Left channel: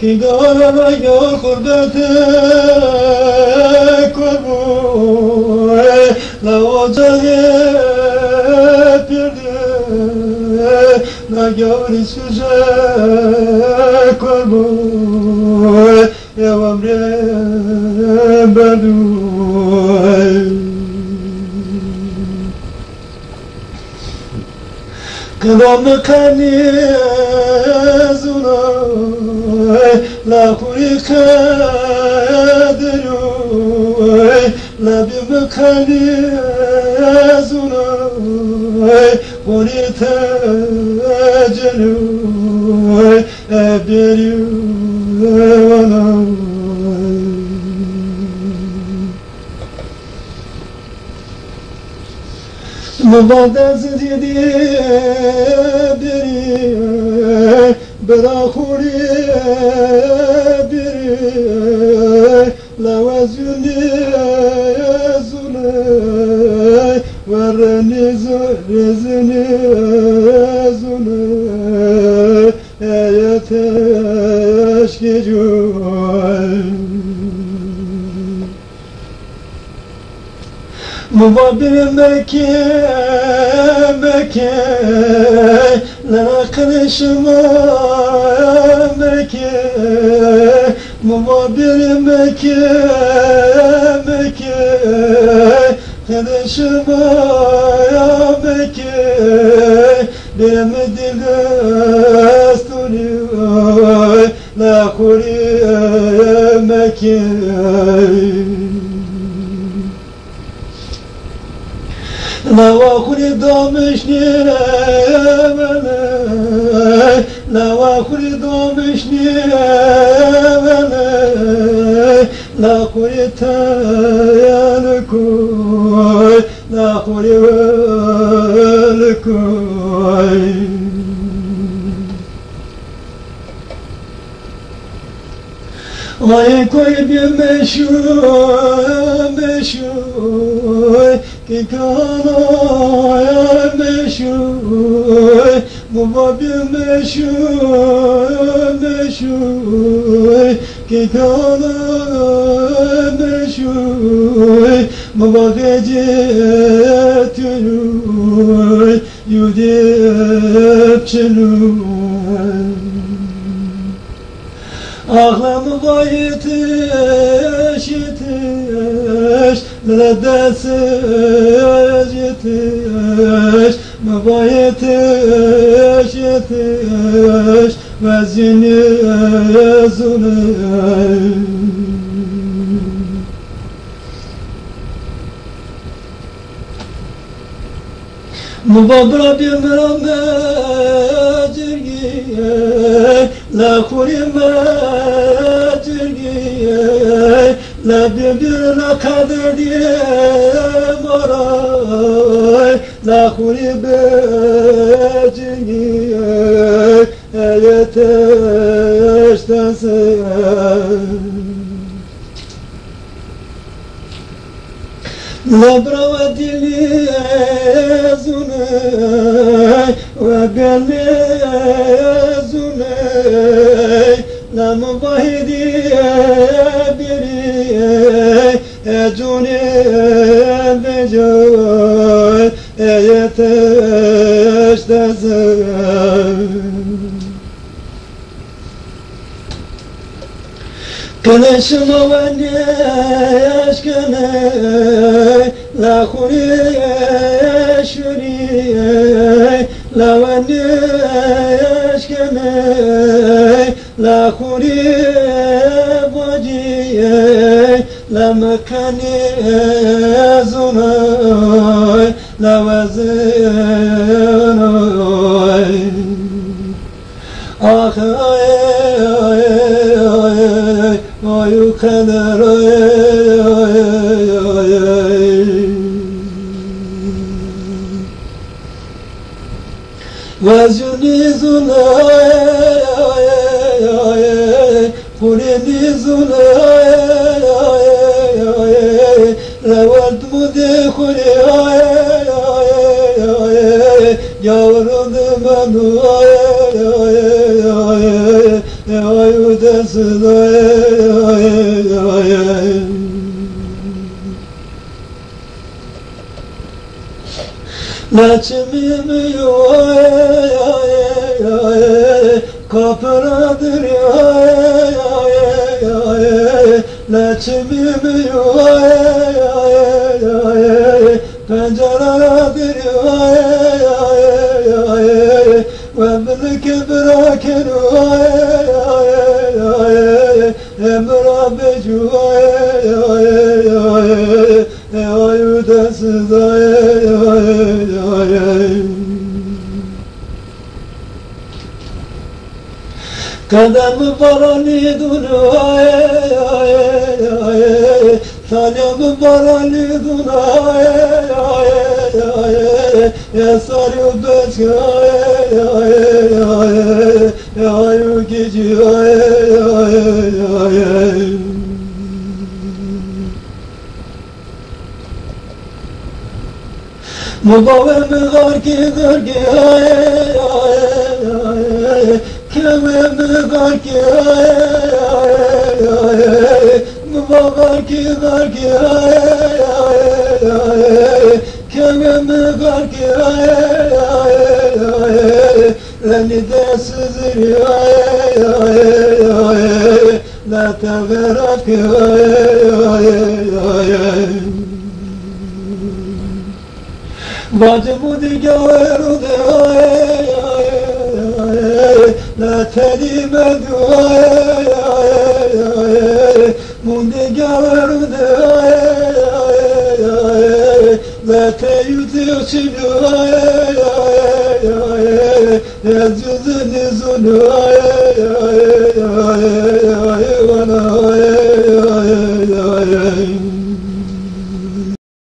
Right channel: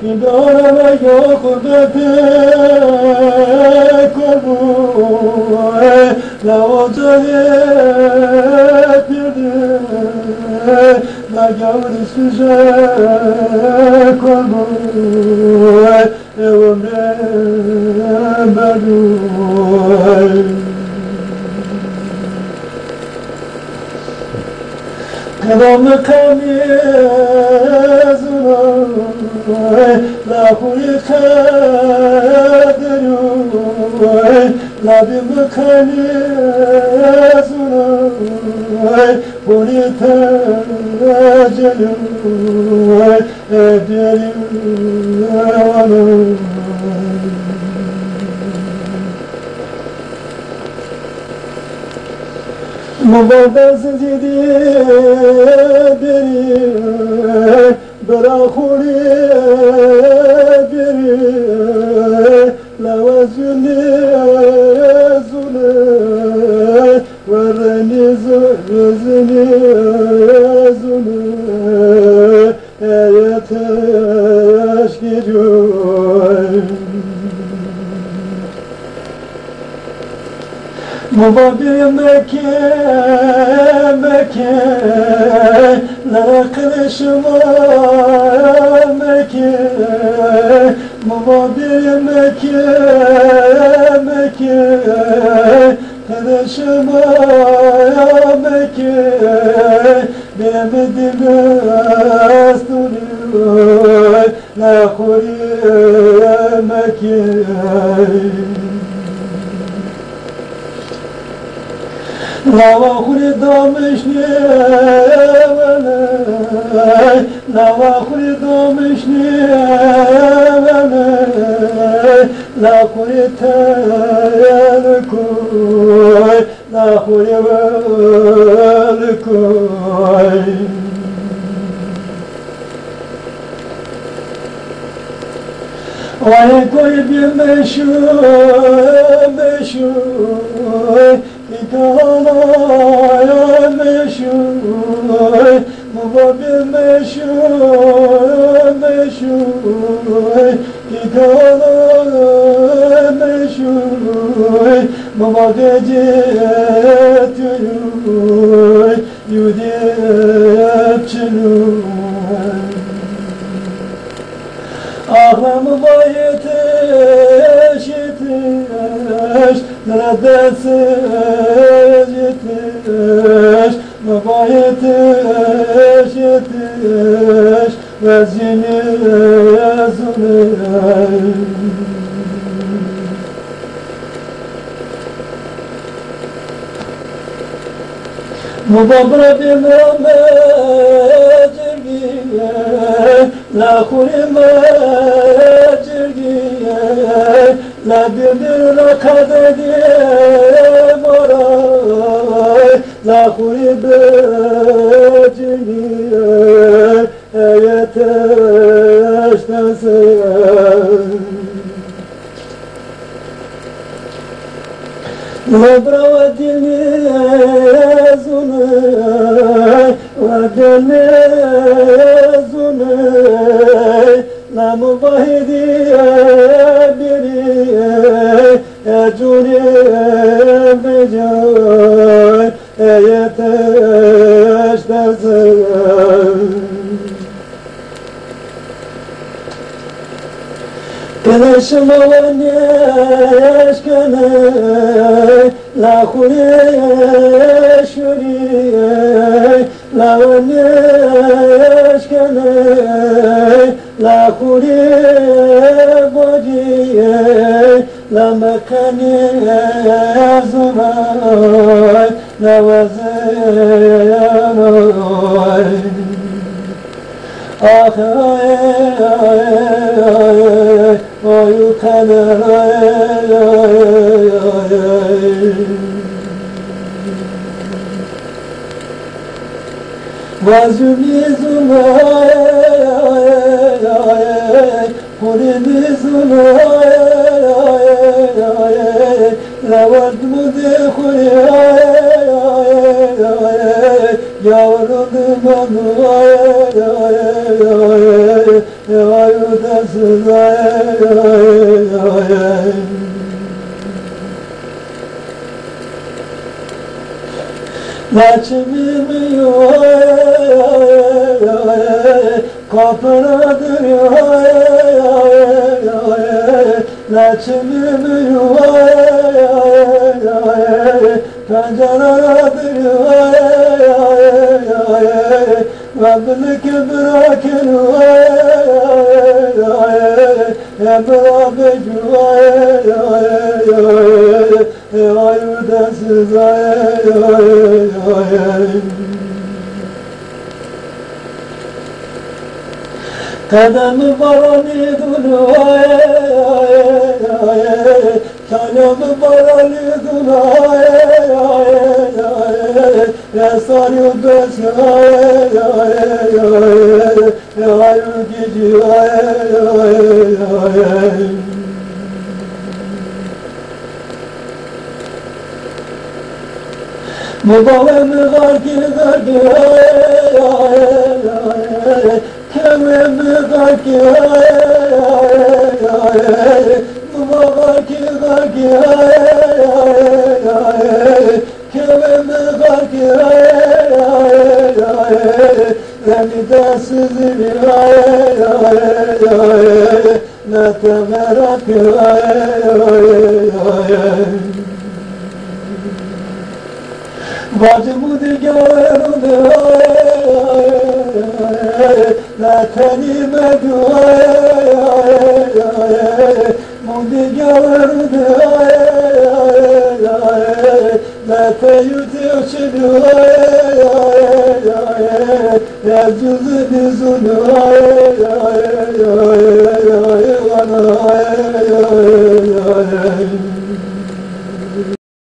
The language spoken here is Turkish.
Ki dağlara ya kurbete koru la ocağı perde la gavri süze koru ömre belu Kalamı kanizuna la huri kaderu la bimi kanizuna huri tecelu ebdelu Mübadetsiz idi biri, bırakuri biri, levazülü zule, verreniz rezini zule, eyete eşkicu. Mubadir Mekke, Mekke, la kırışma Mekke, Mubadir Mekke, Mekke, kırışma Mekke, bir Medine astırıyor, la huri Mekke. La vahuri damışni evvela La vahuri damışni evvela La huri tayanı koy La huri veli koy Ay koy bir meşhur meşhur Ki kalaya meşhur Bu babi meşhur meşhur Ki kalaya meşhur Bu vakit yürür Yudip çınır Ahlamı var yetiş yetiş Neredetsiz yetiş Müba yetiş yetiş Vezini zulüm Mübabra bir mecirgiye La huri mecirgiye La bir kadediye moray La huri mecirgiye Yeteş desem La brava dili zune ve gale zune La mubahidi biri ecuni becoy yeteş desem Kınaşma ve neşkene La huriye şuriye La ve neşkene La huriye bociye La mekane zunay La ve zenay Ah ay Oy kader Vazuni zunay Kurini zunay Levant mudi kuri Yavruldum anu Laçimimi kapınadır Laçimimi penceredir Vendini bırakın Emrah becu ayudasız Kademi barani dunu Kademi barani dunu Esaryu bezgi ayu gici Mubavemi gargi Kememi gargi Mubagargi Kememi gargi Beni de sizir Ne teverak Bacımı digarı Ne tenime Mundigarı Ne teyüdü çilu Yazılı dizunu ay